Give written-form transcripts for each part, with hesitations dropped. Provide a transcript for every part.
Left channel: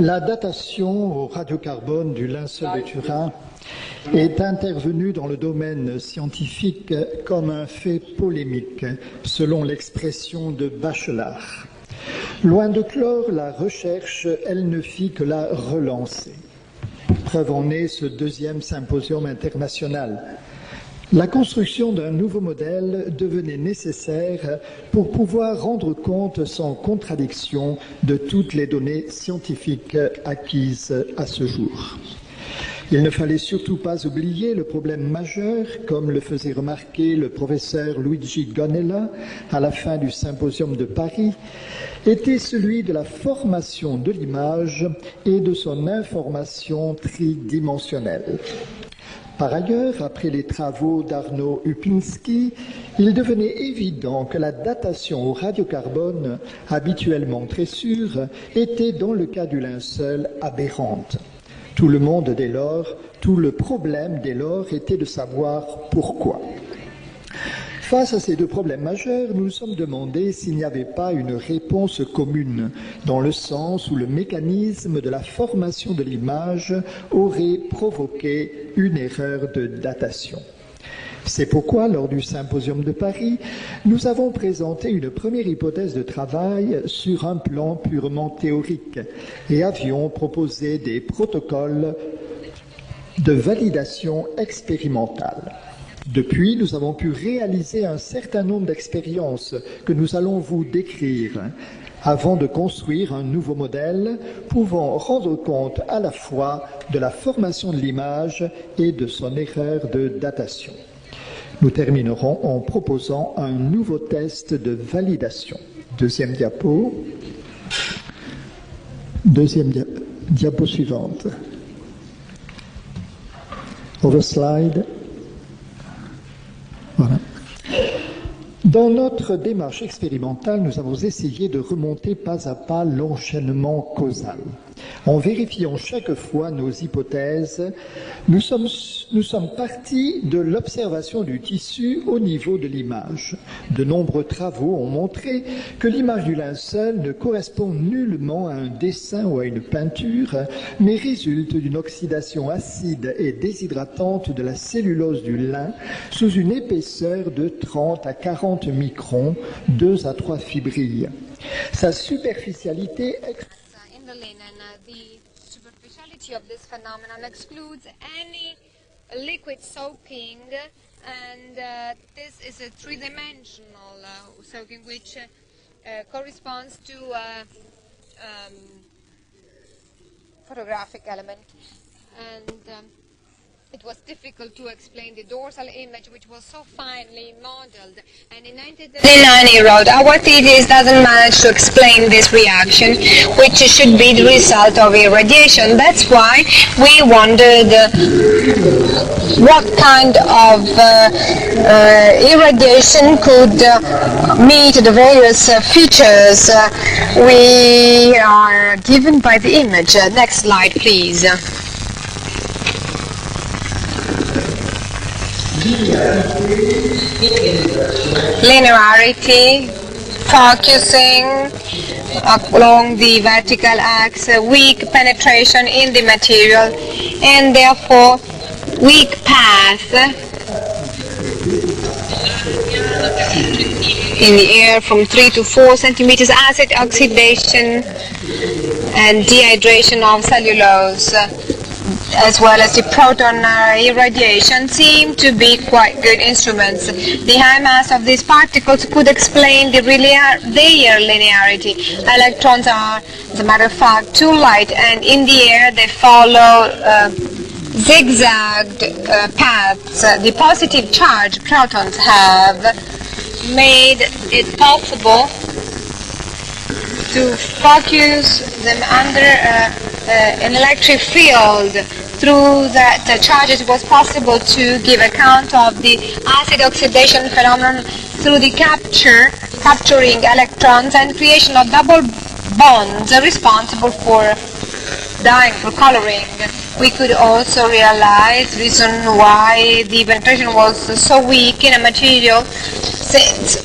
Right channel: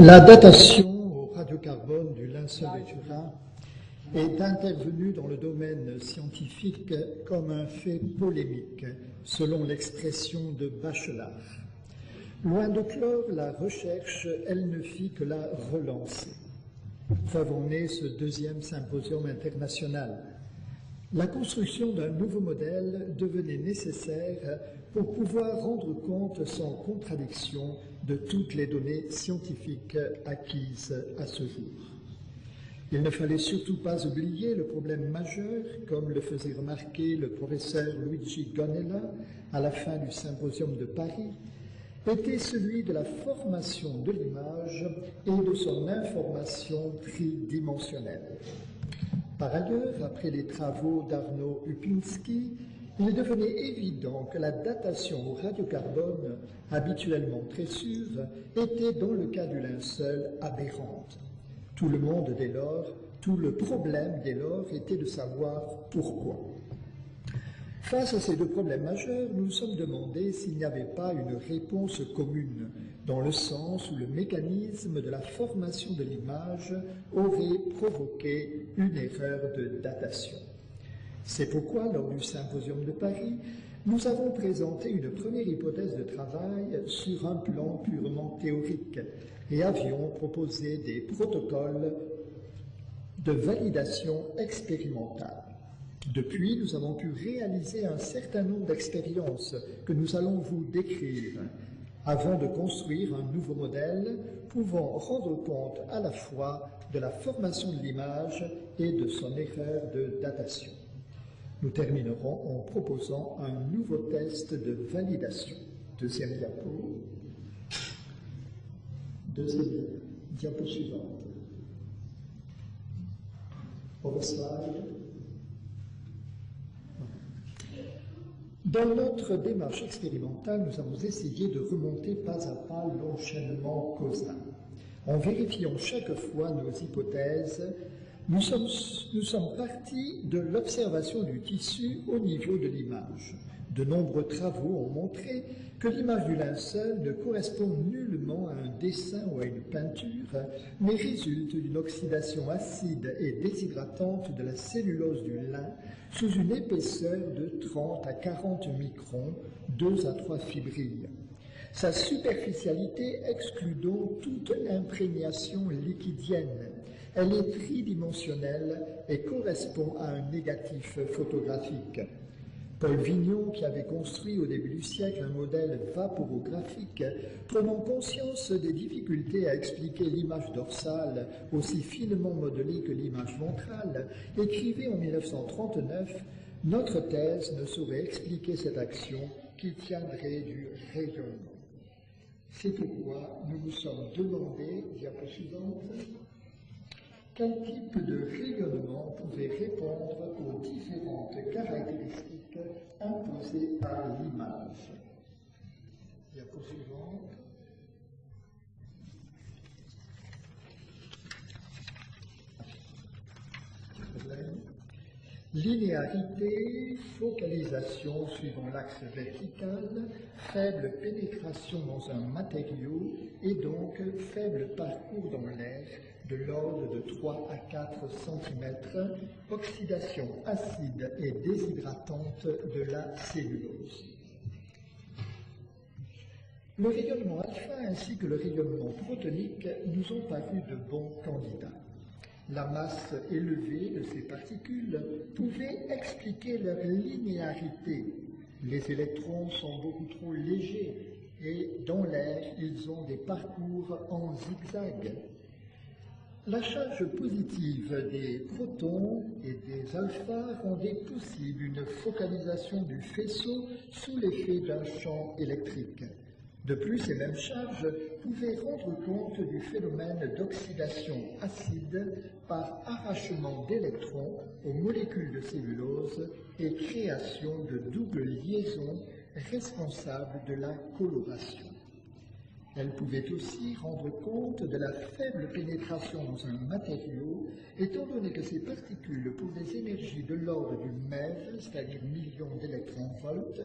La datation au radiocarbone du linceul de Turin est intervenue dans le domaine scientifique comme un fait polémique, selon l'expression de Bachelard. Loin de clore la recherche, elle ne fit que la relancer. Preuve en est ce deuxième symposium international. La construction d'un nouveau modèle devenait nécessaire pour pouvoir rendre compte sans contradiction de toutes les données scientifiques acquises à ce jour. Il ne fallait surtout pas oublier le problème majeur, comme le faisait remarquer le professeur Luigi Gonella à la fin du symposium de Paris, était celui de la formation de l'image et de son information tridimensionnelle. Par ailleurs, après les travaux d'Arnaud Upinski, il devenait évident que la datation au radiocarbone, habituellement très sûre, était dans le cas du linceul aberrante. Tout le monde dès lors, tout le problème dès lors était de savoir pourquoi. Face à ces deux problèmes majeurs, nous nous sommes demandé s'il n'y avait pas une réponse commune, dans le sens où le mécanisme de la formation de l'image aurait provoqué une erreur de datation. C'est pourquoi, lors du symposium de Paris, nous avons présenté une première hypothèse de travail sur un plan purement théorique et avions proposé des protocoles de validation expérimentale. Depuis, nous avons pu réaliser un certain nombre d'expériences que nous allons vous décrire avant de construire un nouveau modèle pouvant rendre compte à la fois de la formation de l'image et de son erreur de datation. Nous terminerons en proposant un nouveau test de validation. Deuxième diapo. Diapo suivante. Overslide. Voilà. Dans notre démarche expérimentale, nous avons essayé de remonter pas à pas l'enchaînement causal. En vérifiant chaque fois nos hypothèses, nous sommes partis de l'observation du tissu au niveau de l'image. De nombreux travaux ont montré que l'image du linceul ne correspond nullement à un dessin ou à une peinture, mais résulte d'une oxydation acide et déshydratante de la cellulose du lin sous une épaisseur de 30 à 40 microns, 2 à 3 fibrilles. Sa superficialité exclut donc toute imprégnation liquidienne. Elle est tridimensionnelle et correspond à un négatif photographique. Rinaudo, qui avait construit au début du siècle un modèle vaporographique, prenant conscience des difficultés à expliquer l'image dorsale aussi finement modelée que l'image ventrale, écrivait en 1939 notre thèse ne saurait expliquer cette In Road, our thesis doesn't manage to explain this reaction, which should be the result of irradiation. That's why we wondered what kind of irradiation could meet the various features we are given by the image. Next slide, please. Linearity, focusing along the vertical axis, weak penetration in the material, and therefore weak path in the air from 3 to 4 centimeters, acid oxidation and dehydration of cellulose, as well as the proton irradiation, seem to be quite good instruments. The high mass of these particles could explain their linearity. Electrons are, as a matter of fact, too light, and in the air they follow zigzagged paths. The positive charge protons have made it possible to focus them under an electric field. Through that charges, it was possible to give account of the acid oxidation phenomenon through the capturing electrons and creation of double bonds responsible for dyeing, for coloring. We could also realize the reason why the penetration was so weak in a material, since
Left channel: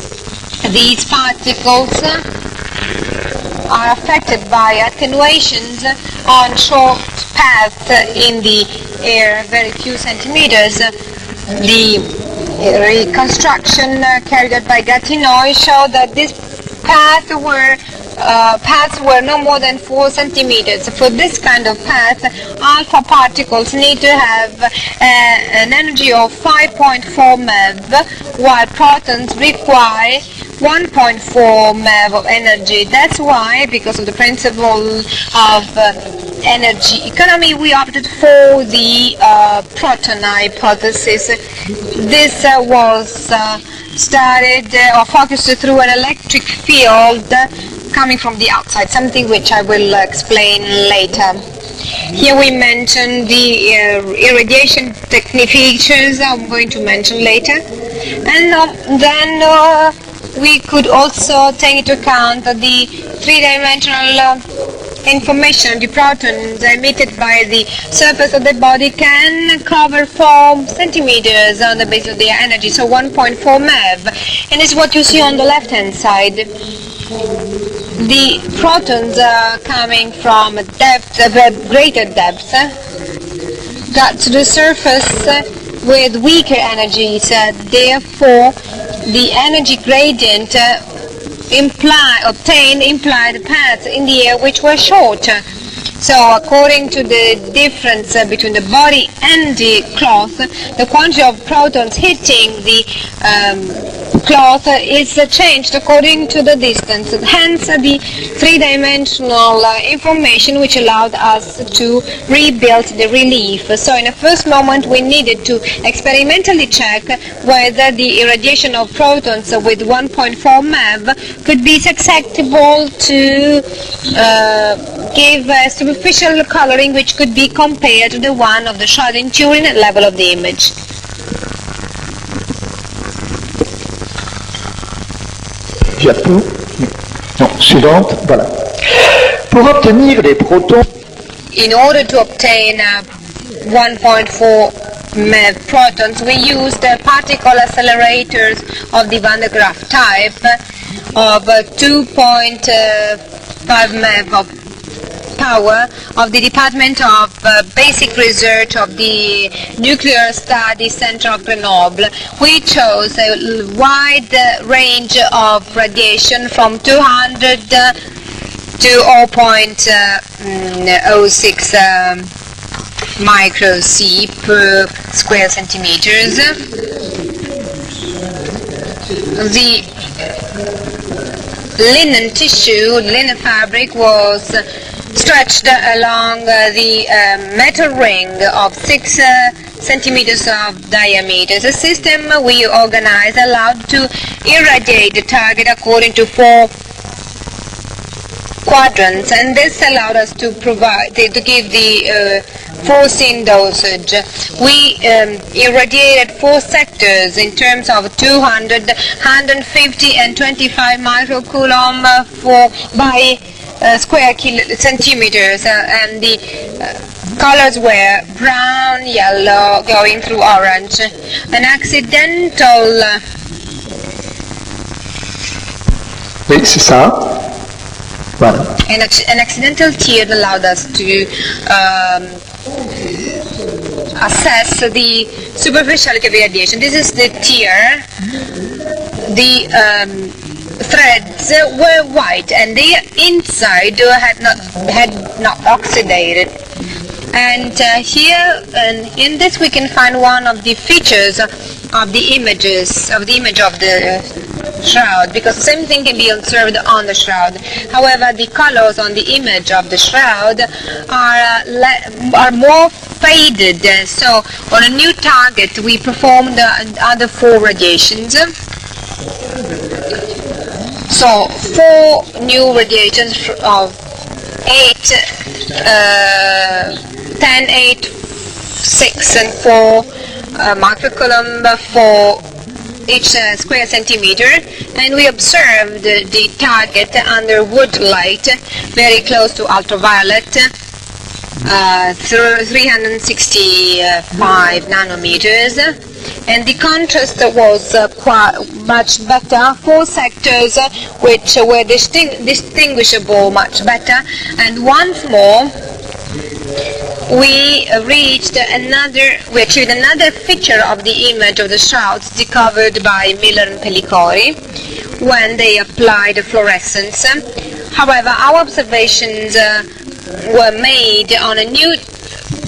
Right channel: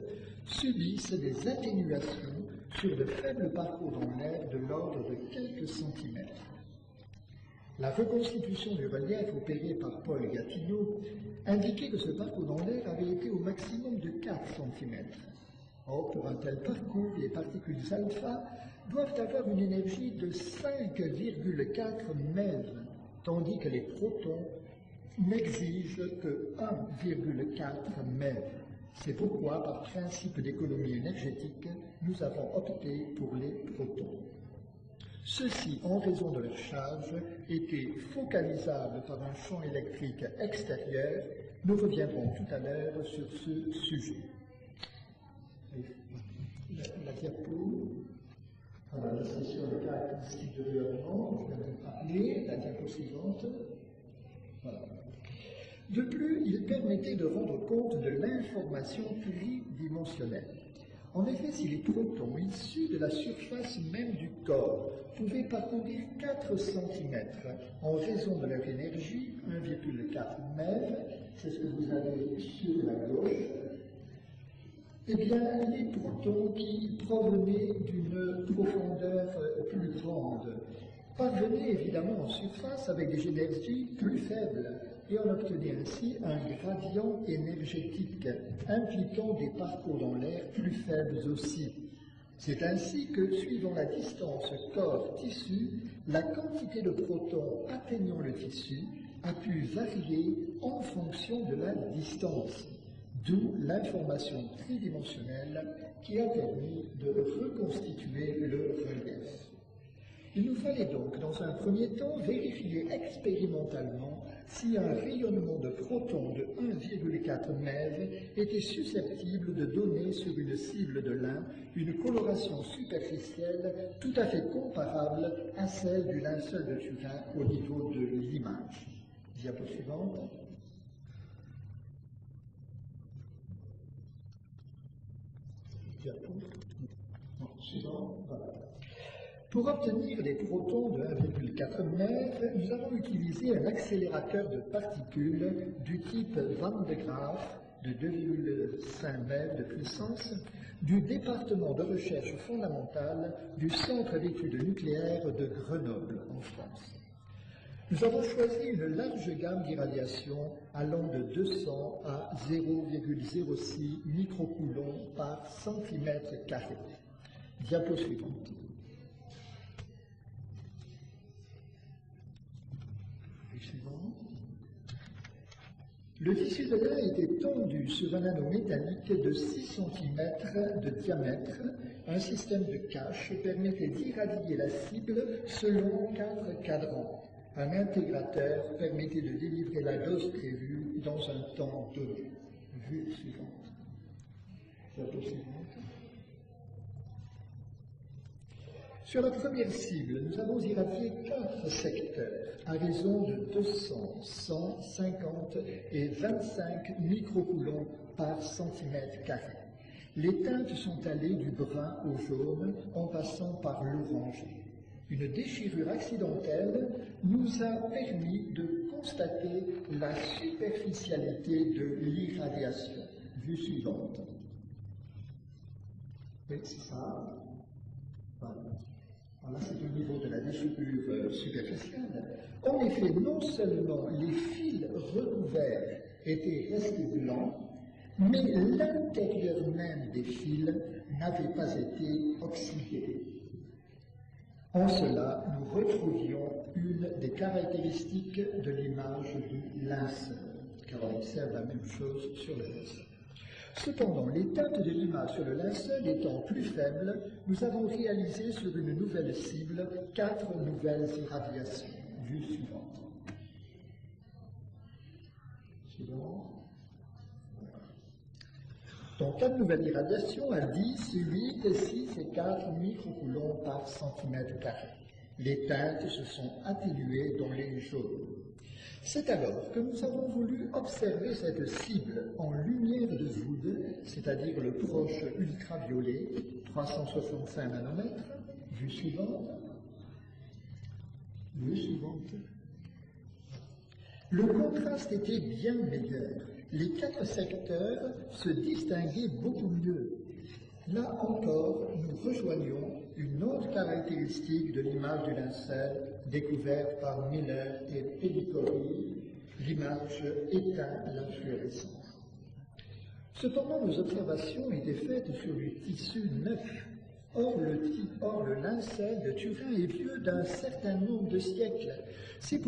these particles are affected by attenuations on short paths in the air, very few centimeters. The reconstruction carried out by Gatinoy showed that this paths were no more than 4 centimeters. For this kind of path, alpha particles need to have an energy of 5.4 MeV, while protons require 1.4 MeV of energy. That's why, because of the principle of energy economy, we opted for the proton hypothesis. This was studied or focused through an electric field coming from the outside, something which I will explain later. Here we mention the irradiation technique features I'm going to mention later. And then we could also take into account the three-dimensional information. The protons emitted by the surface of the body can cover 4 centimeters on the basis of their energy, so 1.4 MeV. And it's what you see on the left-hand side. The protons are coming from depth, greater depth, got to the surface with weaker energies. Therefore, the energy gradient obtained implied paths in the air which were shorter. So according to the difference between the body and the cloth, the quantity of protons hitting the cloth is changed according to the distance. Hence the three-dimensional information which allowed us to rebuild the relief. So in the first moment we needed to experimentally check whether the irradiation of protons with 1.4 MeV could be susceptible to give a superficial coloring which could be compared to the one of the Shroud in Turin at level of the image. Diapo. Non, suivante, voilà. Pour obtenir les protons. In order to obtain 1.4 MeV protons, we used particle accelerators of the Van de Graaff type of 2.5 MeV of power of the Department of Basic Research of the Nuclear Studies Center of Grenoble. We chose a wide range of radiation from 200 to 0.06 micro-C per square centimeters. The linen tissue, linen fabric was stretched along the metal ring of 6 centimeters of diameter. The system we organized allowed to irradiate the target according to 4 quadrants, and this allowed us to give the foreseen dosage. We irradiated 4 sectors in terms of 200, 150 and 25 microcoulomb by square centimeters, and the colors were brown, yellow, going through orange. An accidental Oui, c'est ça. Voilà. An accidental tear allowed us to assess the superficiality of the radiation. This is the tear. The threads were white and the inside had not oxidated. And here, in this, we can find one of the features of the image of the shroud, because the same thing can be observed on the shroud. However, the colors on the image of the shroud are more faded. So on a new target, we performed the other 4 radiations. So 4 new radiations of 10, 8, 6 and 4 microcoulomb for each square centimeter, and we observed the target under wood light, very close to ultraviolet, through 365 nanometers. and the contrast was quite much better. 4 sectors which were distinguishable much better, and once more we achieved another feature of the image of the shrouds discovered by Miller and Pellicori when they applied fluorescence. However, our observations were made on a new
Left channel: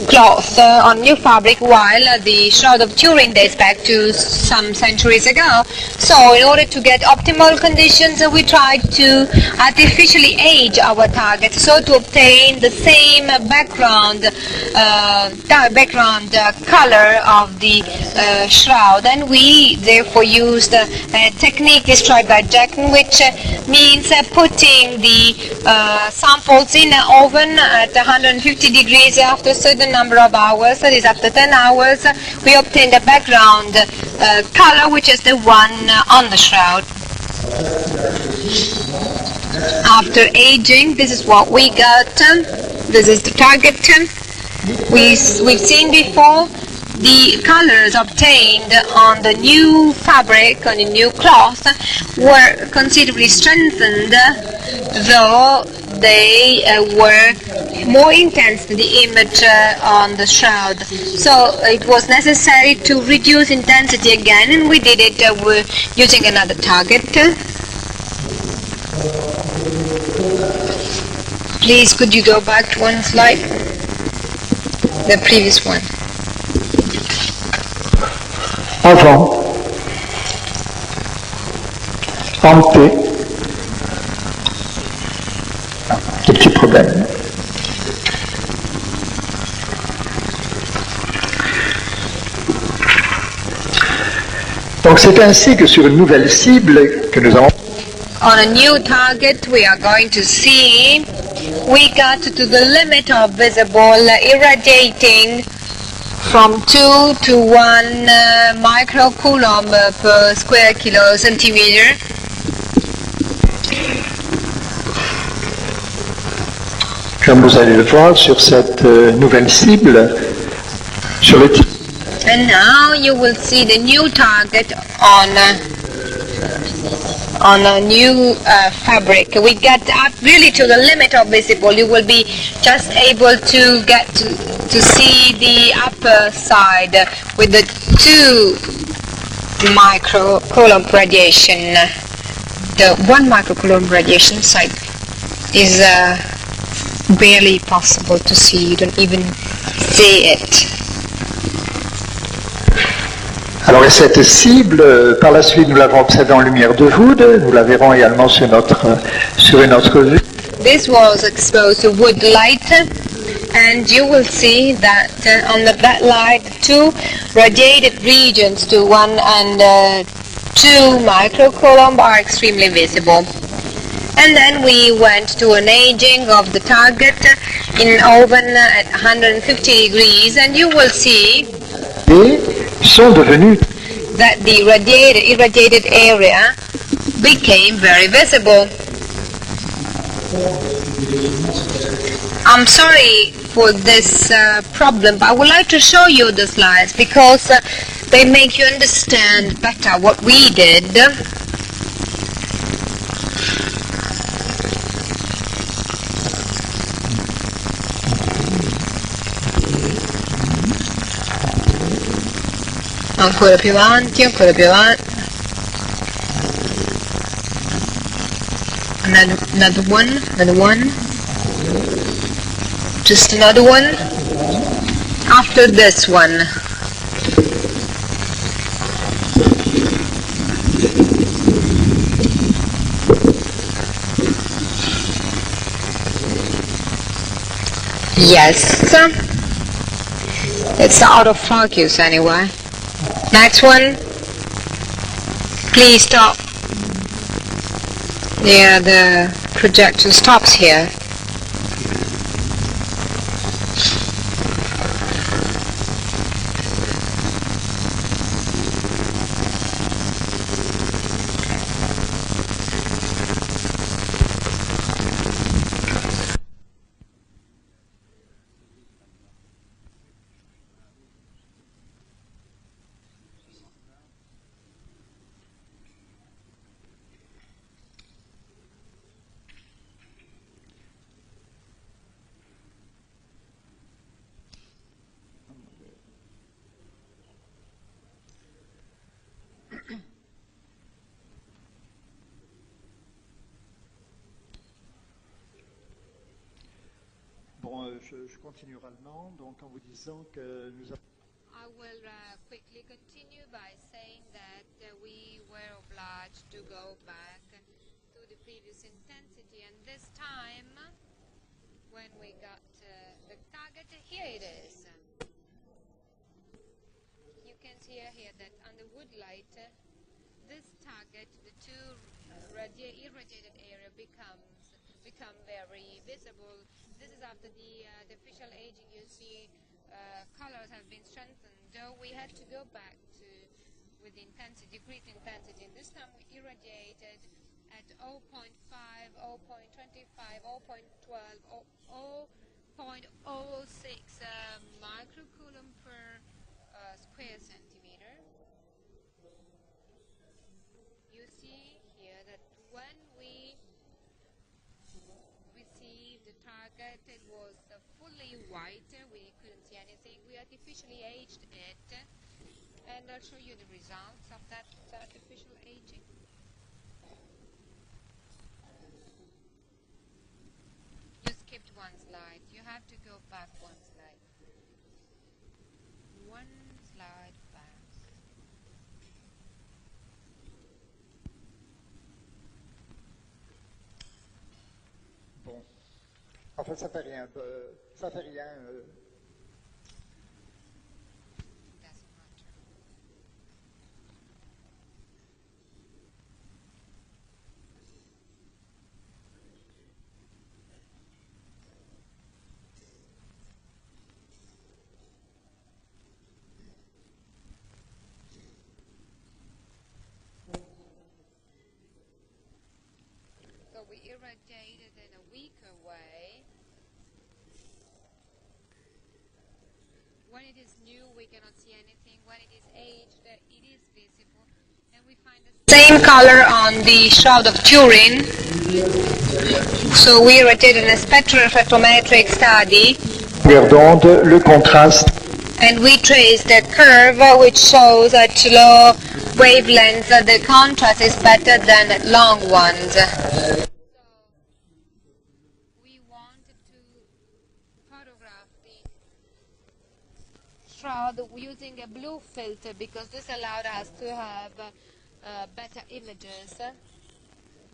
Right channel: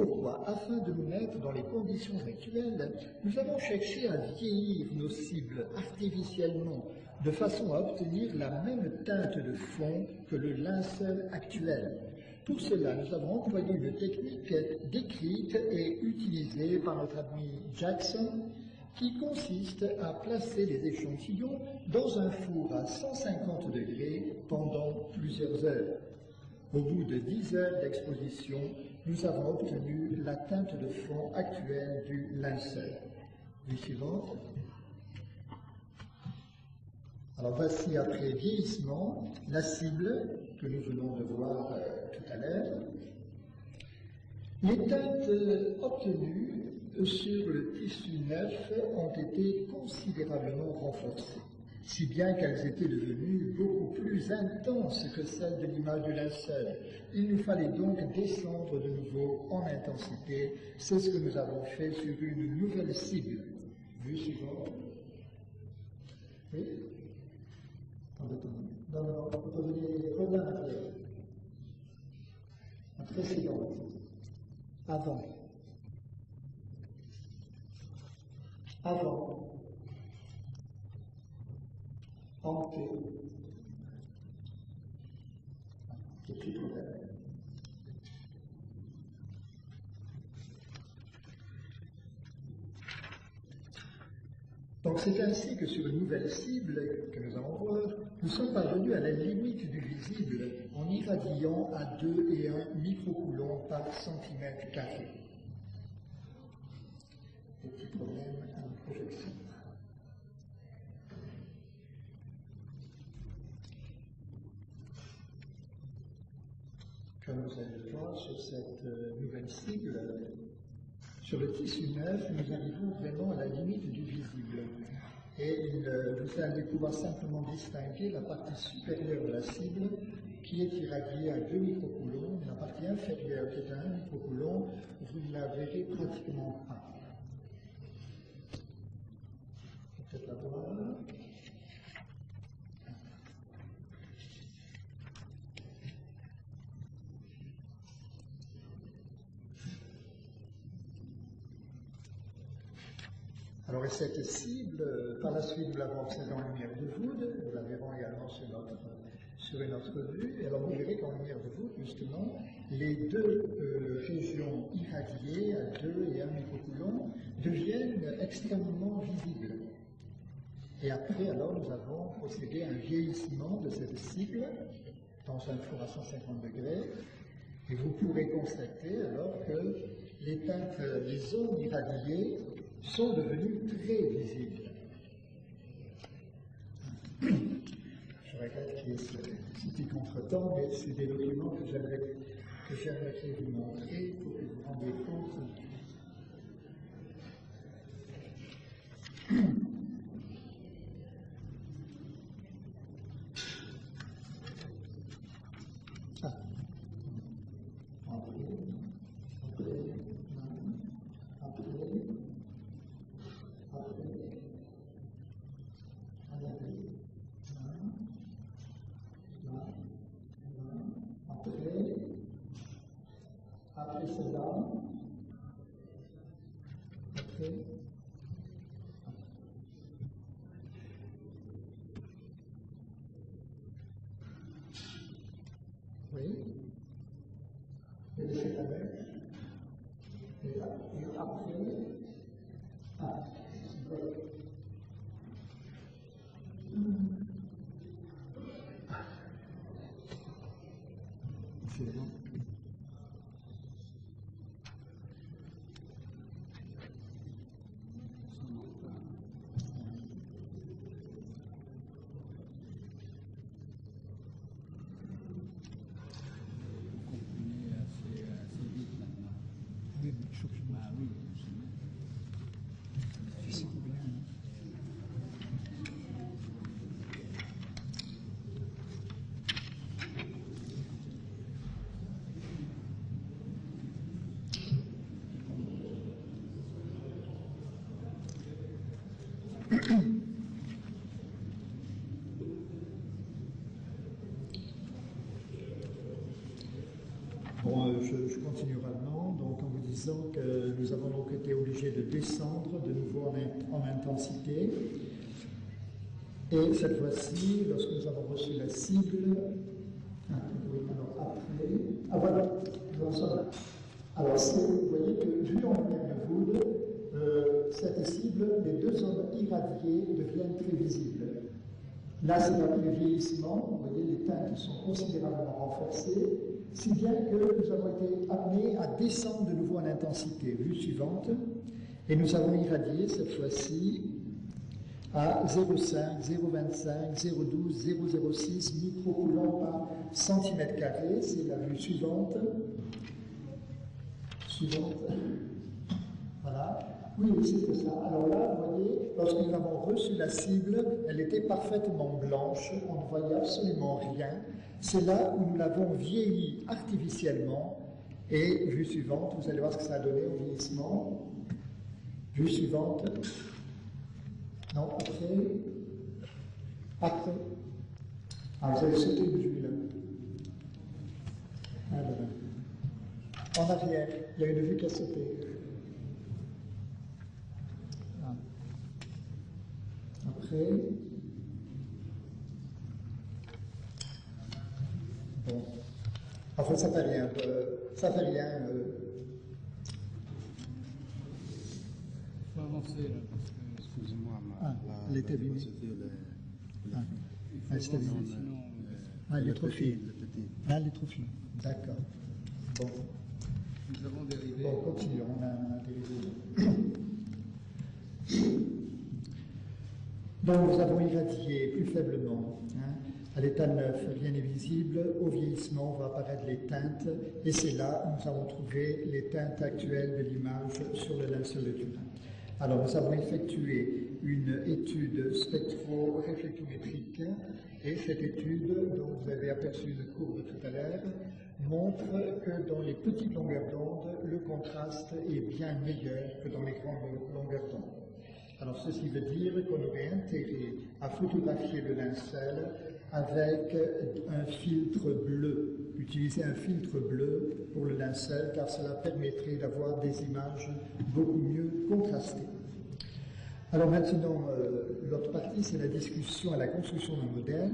cloth, on new fabric, while the Shroud of Turin dates back to some centuries ago. So in order to get optimal conditions, we tried to artificially age our target, so to obtain the same background color of the shroud. And we therefore used a technique described by Jackson, which means putting the samples in an oven at 150 degrees after a certain number of hours, that is after 10 hours, we obtained a background color which is the one on the shroud. After aging, this is what we got. This is the target. We've seen before the colors obtained on the new fabric, on the new cloth, were considerably strengthened, though they were more intense than the image on the shroud. So it was necessary to reduce intensity again, and we did it using another target. Please, could you go back to one slide? The previous one. Avant, ante, des petits problèmes. Donc c'est ainsi que sur une nouvelle cible que nous avons... On a new target we are going to see, we got to the limit of visible irradiating from 2 to 1 microcoulomb per square centimeter. Comme vous allez le voir sur cette nouvelle cible, sur le type. And now you will see the new target on a new fabric. We get up really to the limit of visible. You will be just able to get to see the upper side with the 2 microcoulomb radiation. The 1 microcoulomb radiation side is barely possible to see. You don't even see it. Alors et cette cible, par la suite nous l'avons observée en lumière de Wood, nous la verrons également sur une autre vue. This was exposed to wood light, and you will see that on that light 2 radiated regions to 1 and 2 microcoulomb are extremely visible. And then we went to an aging of the target in an oven at 150 degrees, and you will see sont devenus that the irradiated area became very visible. I'm sorry for this problem, but I would like to show you the slides because they make you understand better what we did. Ancora più avanti, ancora più avanti. Another one. Just another one. After this one. Yes. It's out of focus anyway. Next one. Please stop. Yeah, the projection stops here. je continue oralement, donc en vous disant que nous avons donc été obligés de descendre de nouveau en intensité. Et cette fois-ci, lorsque nous avons reçu la cible, voilà, alors vous voyez que vu en lumière de Wood, cette cible, les deux zones irradiées deviennent plus visibles. Là, c'est la le vieillissement, vous voyez les teintes sont considérablement renforcées, si bien que nous avons été amenés à descendre de nouveau en intensité. Vue suivante, et nous avons irradié cette fois-ci à 0,5, 0,25, 0,12, 0,06 microcoulombs par centimètre carré. C'est la vue suivante. Voilà. Oui, c'est ça. Alors là, vous voyez, lorsque nous avons reçu la cible, elle était parfaitement blanche, on ne voyait absolument rien. C'est là où nous l'avons vieilli artificiellement. Et vue suivante, vous allez voir ce que ça a donné au vieillissement. Vue suivante. Non, après. Ah, vous avez sauté une vue là. En arrière, il y a une vue qui a sauté. Ah. Après. Bon. En fait, ça fait rien. Ça fait rien. Faut avancer là. Excusez-moi. Elle était abîmée. Elle est abîmée. Elle est trop fine. Elle est trop fine. D'accord. Bon. Nous avons dérivé. Bon, continuons. On a dérivé. Donc, nous avons irradié plus faiblement. À l'état neuf, rien n'est visible. Au vieillissement, vont apparaître les teintes. Et c'est là où nous avons trouvé les teintes actuelles de l'image sur le linceul de Turin. Alors, nous avons effectué une étude Same color on the Shroud of Turin. So we did a spectrophotometric study. d'onde, le contraste. And we traced a curve which shows at low wavelengths that the contrast is better than at long ones. Avec un filtre bleu. Utiliser un filtre bleu pour le linceul car cela permettrait d'avoir des images beaucoup mieux contrastées. Alors maintenant, Baptiste a la description à la construction d'un modèle.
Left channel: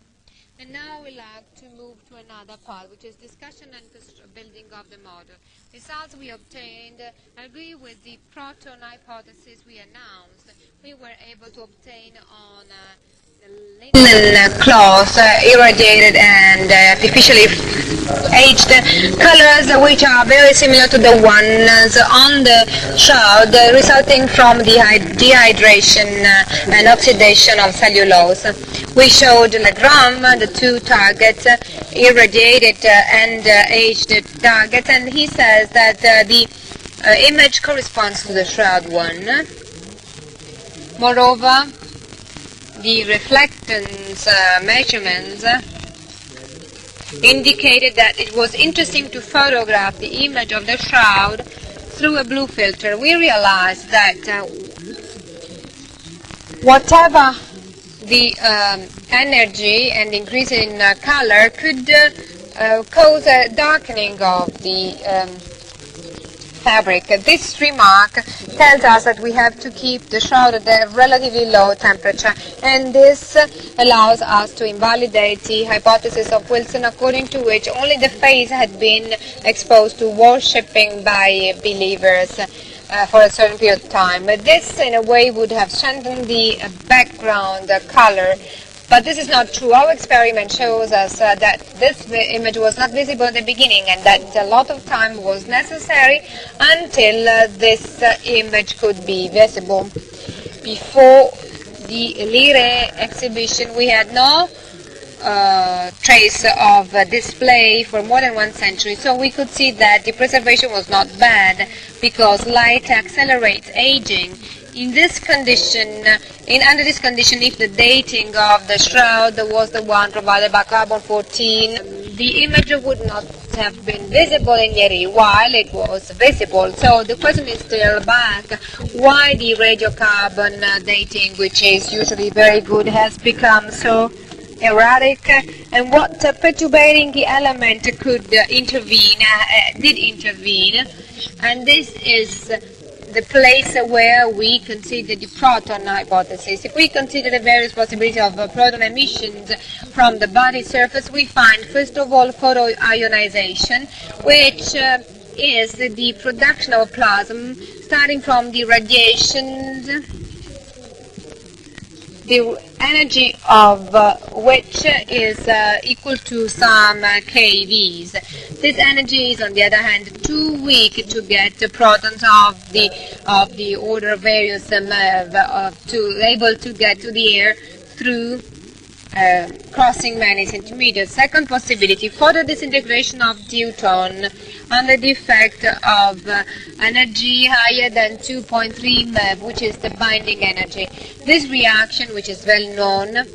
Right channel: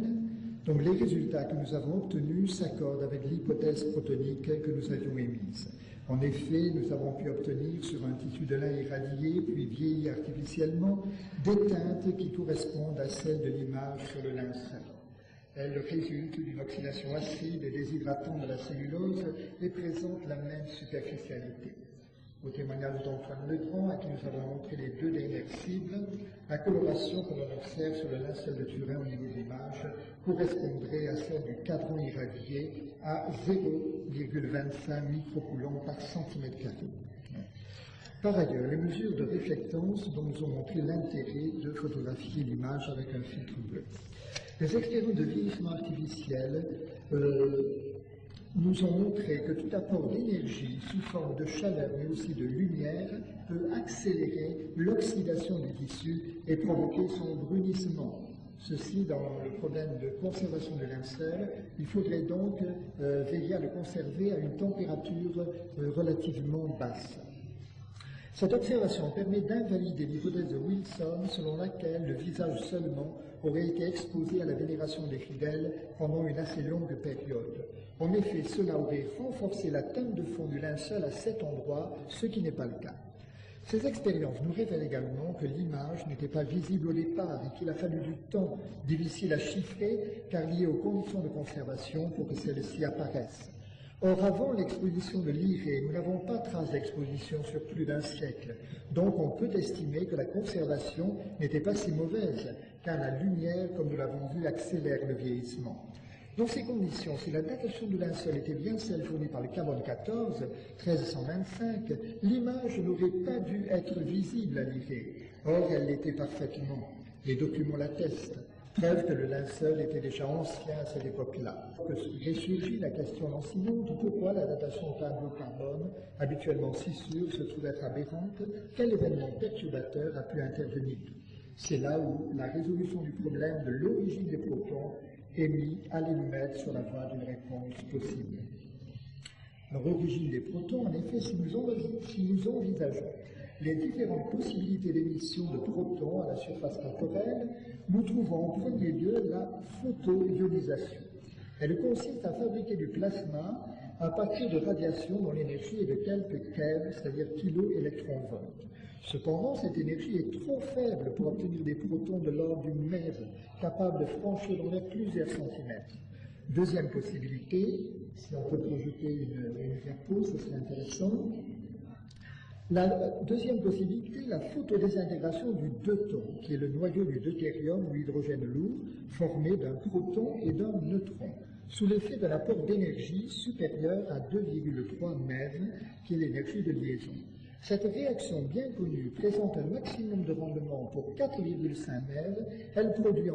Donc les résultats que nous avons obtenus s'accordent avec l'hypothèse protéique que nous avions émise. En effet, nous avons pu obtenir sur un tissu de lin irradié puis vieilli artificiellement des teintes qui correspondent à celles de l'image. Cloth, irradiated and artificially aged colors which are very similar to the ones on the shroud resulting from the dehydration and oxidation of cellulose. We showed Legram, the two targets, irradiated and aged targets, and he says that the image corresponds to the shroud one. Moreover, the reflectance measurements indicated that it was interesting to photograph the image of the shroud through a blue filter. We realized that whatever the energy and increase in color could cause a darkening of the fabric. This remark tells us that we have to keep the shroud at a relatively low temperature, and this allows us to invalidate the hypothesis of Wilson, according to which only the face had been exposed to worshipping by believers for a certain period of time. This, in a way, would have strengthened the background color. But this is not true. Our experiment shows us that this image was not visible at the beginning and that a lot of time was necessary until this image could be visible. Before the Lire exhibition, we had no trace of display for more than 1 century, so we could see that the preservation was not bad because light accelerates aging. Under this condition, if the dating of the shroud was the one provided by carbon-14, the image would not have been visible in Yeri while it was visible. So the question is still back, why the radiocarbon dating, which is usually very good, has become so erratic, and what perturbating the element could did intervene, and this is the place where we consider the proton hypothesis. If we consider the various possibilities of proton emissions from the body surface, we find, first of all, photoionization, which is the production of plasma starting from the radiations, the energy of which is equal to some kVs. This energy is, on the other hand, too weak to get the protons of the order of various to able to get to the air through crossing many centimeters. Second possibility, photodisintegration of deuteron under the effect of energy higher than 2.3 MeV, which is the binding energy. This reaction, which is well known,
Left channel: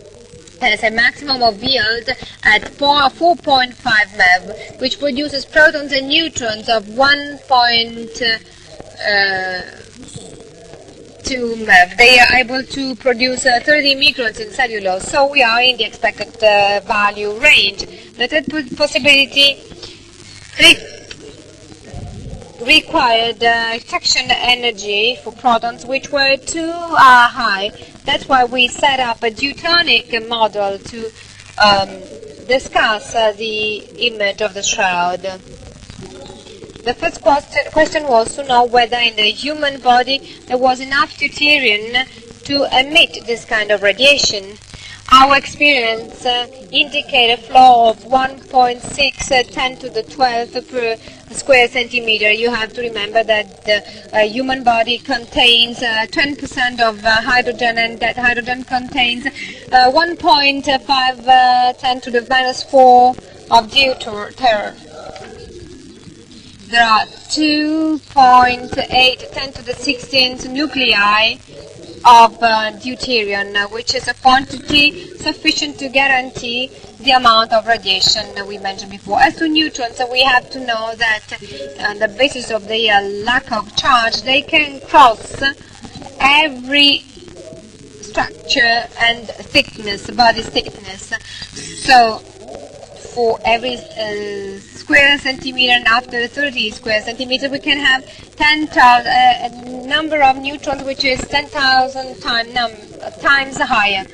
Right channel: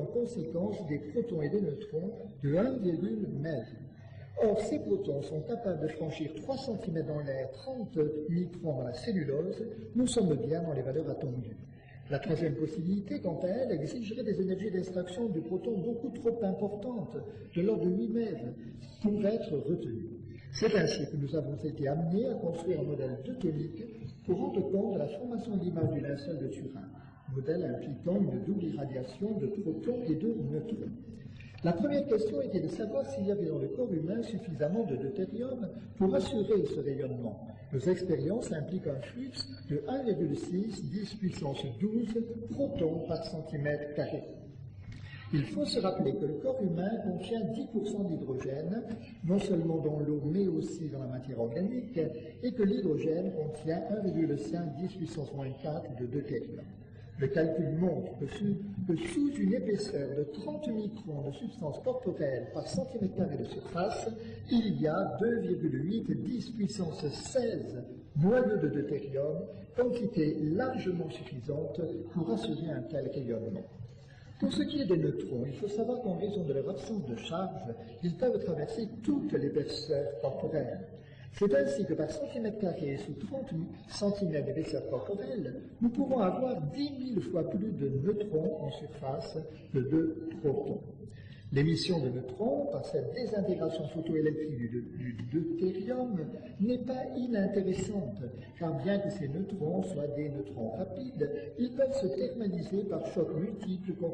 has a maximum of yield at 4.5 MeV, which produces protons and neutrons of 1.2 MeV. They are able to produce 30 microns in cellulose, so we are in the expected value range. The third possibility required extraction energy for protons which were too high. That's why we set up a deuteric model to discuss the image of the shroud. The first question was to know whether in the human body there was enough deuterium to emit this kind of radiation. Our experience indicates a flow of 1.6 10 to the 12 per square centimeter. You have to remember that the human body contains 10% of hydrogen, and that hydrogen contains 1.5 10 to the minus 4 of deuterium. There are 2.8 10 to the 16th nuclei of deuterium, which is a quantity sufficient to guarantee the amount of radiation we mentioned before. As to neutrons, we have to know that on the basis of their lack of charge, they can cross every structure and thickness, body thickness. So for every square centimeter, and after 30 square centimeters, we can have 10,000 a number of neutrons, which is 10,000 times higher.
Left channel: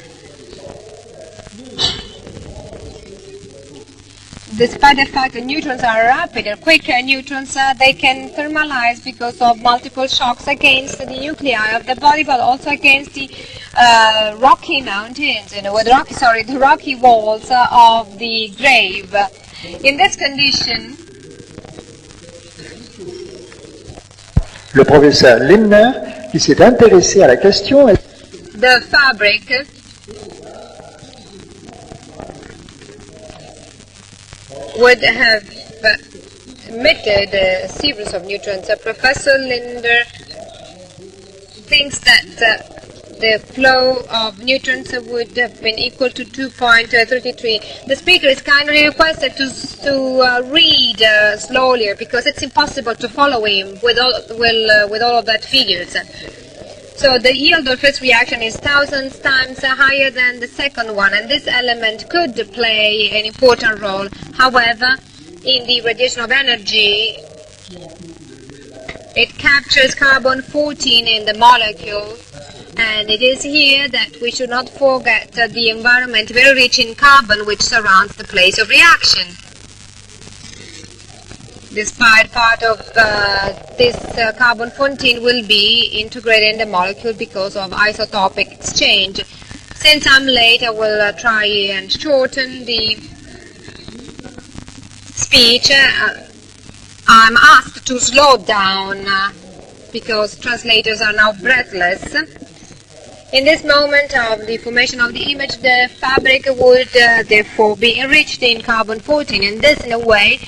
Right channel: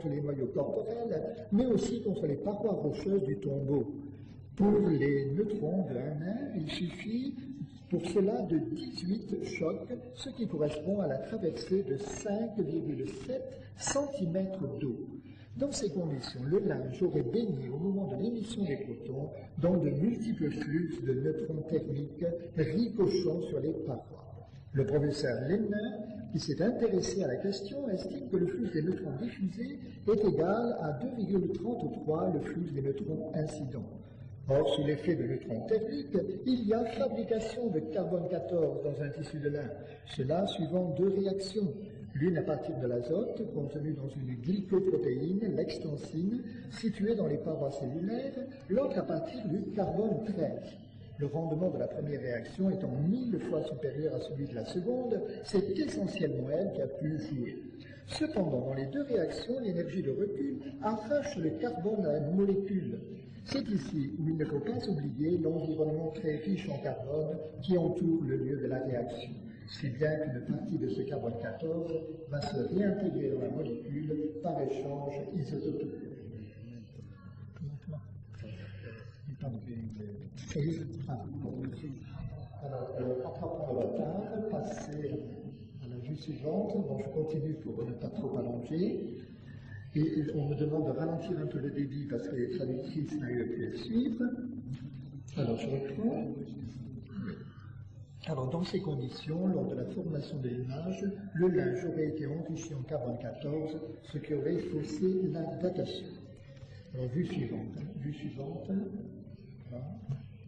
Despite the fact that neutrons are rapid and quick neutrons, they can thermalize because of multiple shocks against the nuclei of the body, but also against the rocky mountains, the rocky walls of the grave. In this condition, le professeur Lindner, qui s'est intéressé à la question, the fabric would have emitted a series of neutrons. Professor Lindner thinks that the flow of neutrons would have been equal to 2.33. The speaker is kindly requested to read slowly, because it's impossible to follow him with all of that figures. So the yield of first reaction is 1,000 times higher than the second one, and this element could play an important role. However, in the radiation of energy, it captures carbon-14 in the molecule, and it is here that we should not forget the environment very rich in carbon which surrounds the place of reaction. Despite part of this carbon-14 will be integrated in the molecule because of isotopic exchange. Since I'm late, I will try and shorten the speech. I'm asked to slow down because translators are now breathless. In this moment of the formation of the image, the fabric would therefore be enriched in carbon-14, and this in a way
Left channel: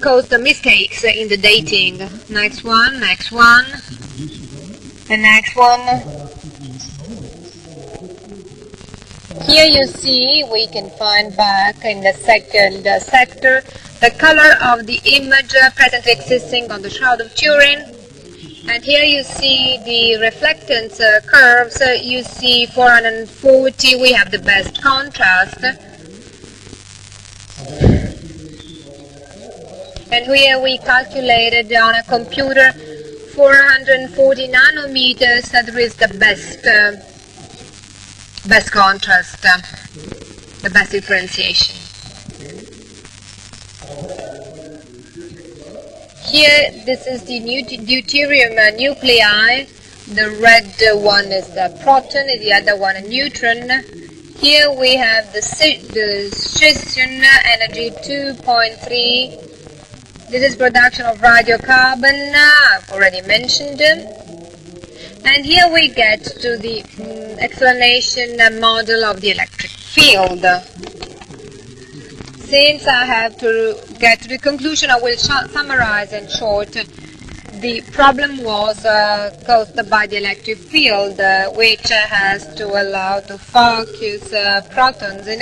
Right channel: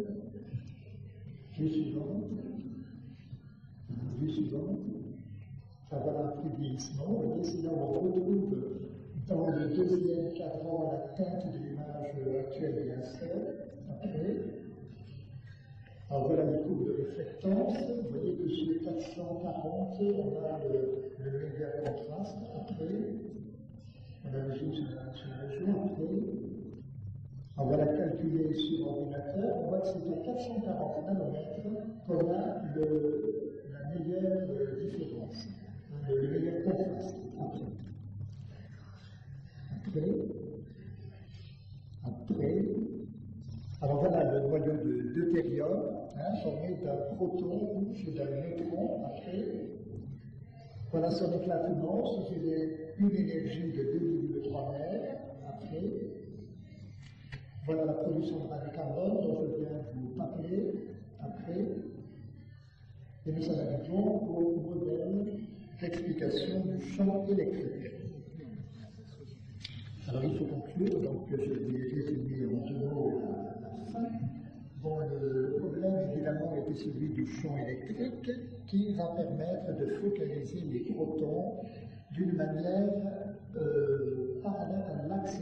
caused the mistakes in the dating. Next one, the next one. Here you see, we can find back in the second sector the color of the image presently existing on the Shroud of Turin. And here you see the reflectance curves. You see 440, we have the best contrast. And here we calculated on a computer 440 nanometers, that is the best contrast, the best differentiation. Here, this is the deuterium nuclei. The red one is the proton, the other one a neutron. Here we have the scission energy 2.3. This is production of radiocarbon, I've already mentioned. And here we get to the explanation model of the electric field. Since I have to get to the conclusion, I will summarize in short. The problem was caused by the electric field, which has to allow to focus protons in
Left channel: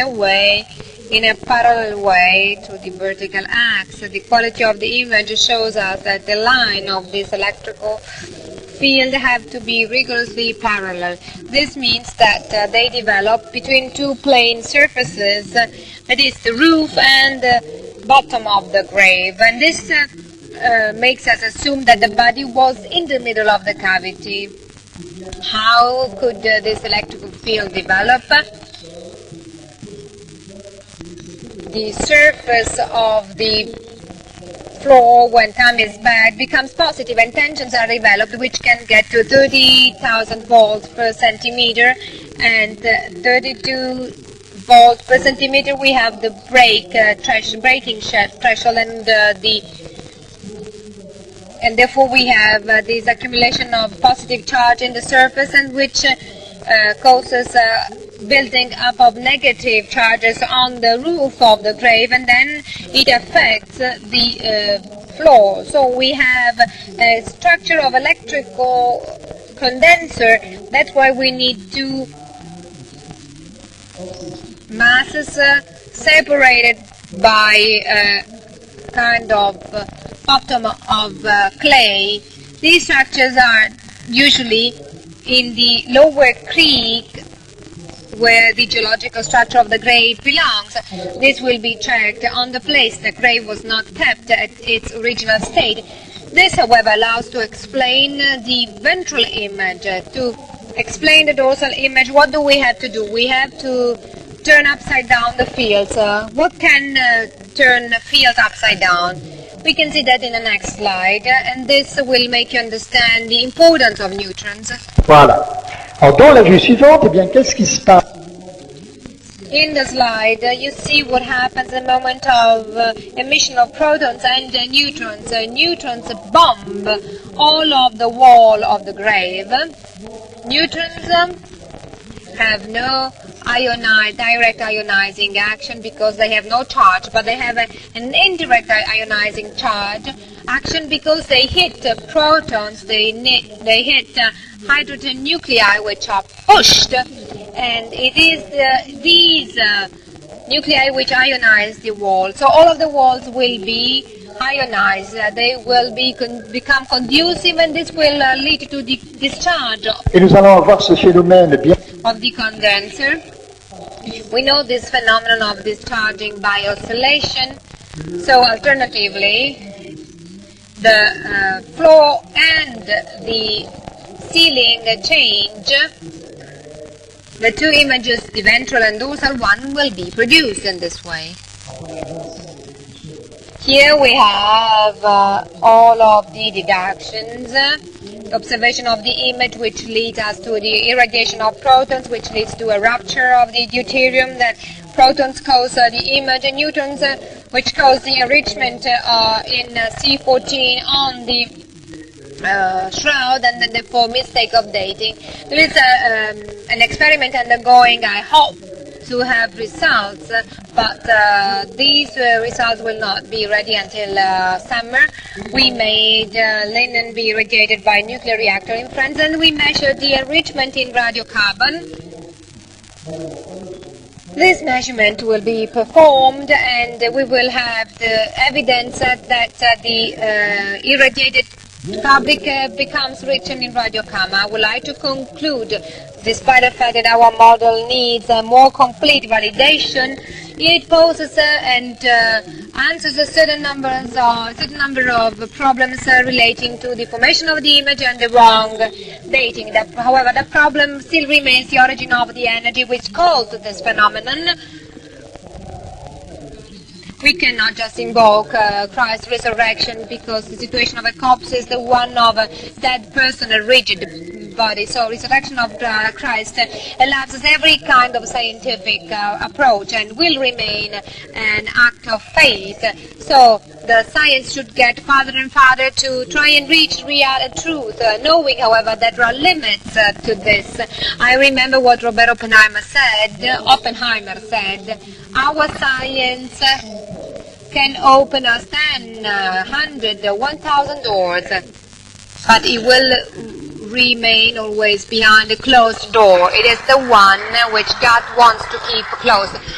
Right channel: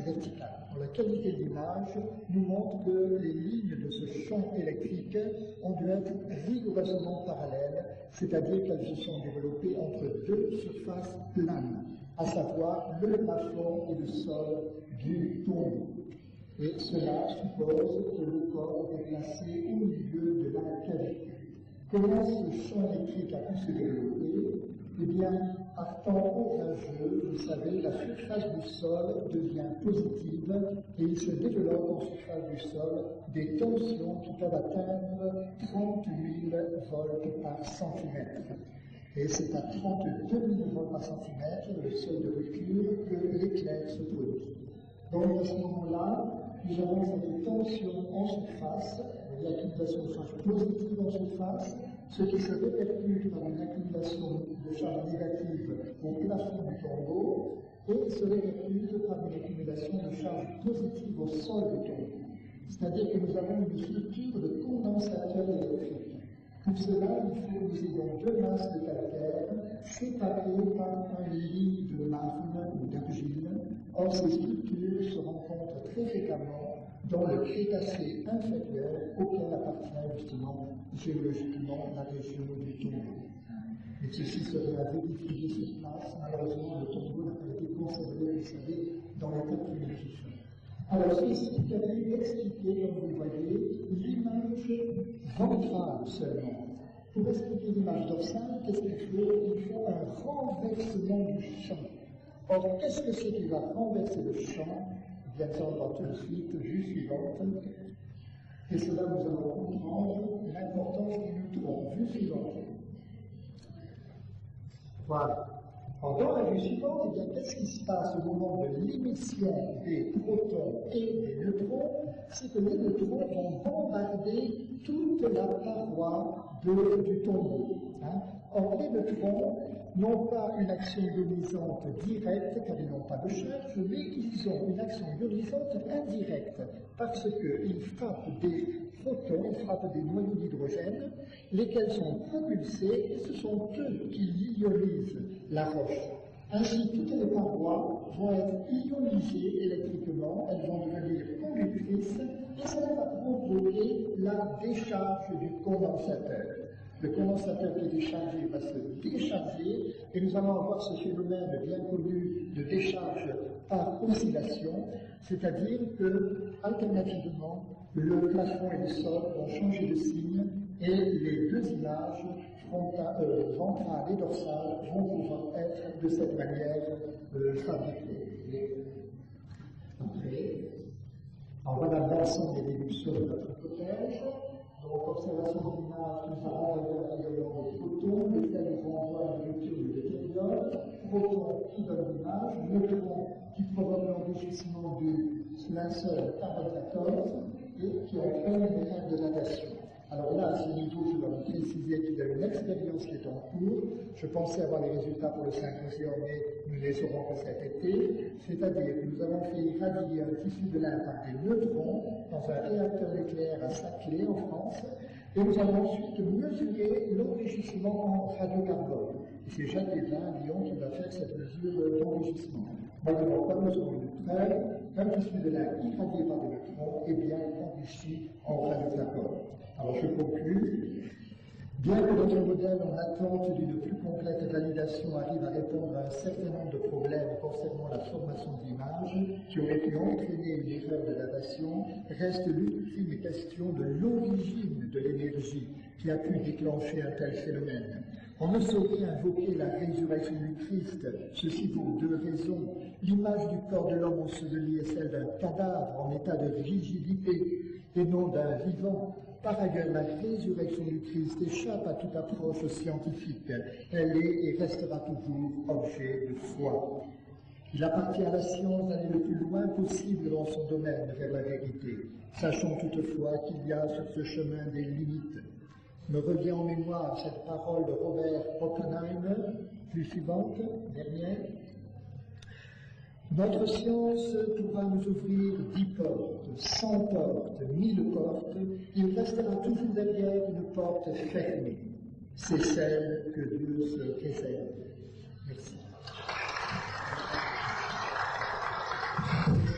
a parallel way to the vertical axis. The quality of the image shows us that the line of this electrical field have to be rigorously parallel. This means that they develop between two plane surfaces, that is the roof and the bottom of the grave. And this makes us assume that the body was in the middle of the cavity. How could this electrical field develop? The surface of the floor, when time is bad, becomes positive and tensions are developed, which can get to 30,000 volts per centimeter, and 32 volts per centimeter. We have the breaking threshold, and therefore we have this accumulation of positive charge in the surface, and which causes building up of negative charges on the roof of the grave, and then it affects the floor. So we have a structure of electrical condenser. That's why we need two masses separated by a kind of bottom of clay. These structures are usually in the lower creek, where the geological structure of the grave belongs. This will be checked on the place the grave was not kept at its original state. This, however, allows to explain the ventral image. To explain the dorsal image, what do we have to do? We have to turn upside down the fields. What can turn fields upside down? We can see that in the next slide, and this will make you understand the importance of neutrons. Voilà. Alors, dans la vue suivante, eh bien, qu'est-ce qui se passe? In the slide, you see what happens at the moment of emission of protons and neutrons. Neutrons bomb all of the wall of the grave. Neutrons have no direct ionizing action because they have no charge, but they have an indirect ionizing charge action because they hit protons, they hit hydrogen nuclei which are pushed, and it is these nuclei which ionize the wall. So all of the walls will be ionized, they will become conducive, and this will lead to the discharge Et nous allons avoir ce phénomène bien. of the condenser. We know this phenomenon of discharging by oscillation. So alternatively, the floor and the ceiling change. The two images, the ventral and dorsal one, will be produced in this way. Here we have all of the deductions, the observation of the image which leads us to the irradiation of protons, which leads to a rupture of the deuterium, that protons cause the image, and neutrons which cause the enrichment in C14 on the shroud, and therefore mistake of dating. There is an experiment undergoing. I hope to have results, but these results will not be ready until summer. We made linen be irradiated by a nuclear reactor in France, and we measured the enrichment in radiocarbon. This measurement will be performed, and we will have the evidence that the irradiated the public becomes written in Radiocarbon. I would like to conclude, despite the fact that our model needs a more complete validation, it poses and answers a certain number of problems relating to the formation of the image and the wrong dating. However, the problem still remains the origin of the energy which caused this phenomenon. We cannot just invoke Christ's resurrection because the situation of a corpse is the one of a dead person, a rigid body. So resurrection of Christ allows us every kind of scientific approach and will remain an act of faith. So the science should get farther and farther to try and reach real truth, knowing, however, that there are limits to this. I remember what Robert Oppenheimer said. Our science can open us 10, 100, 1,000 doors, but it will remain always behind a closed door. It is the one which God wants to keep closed.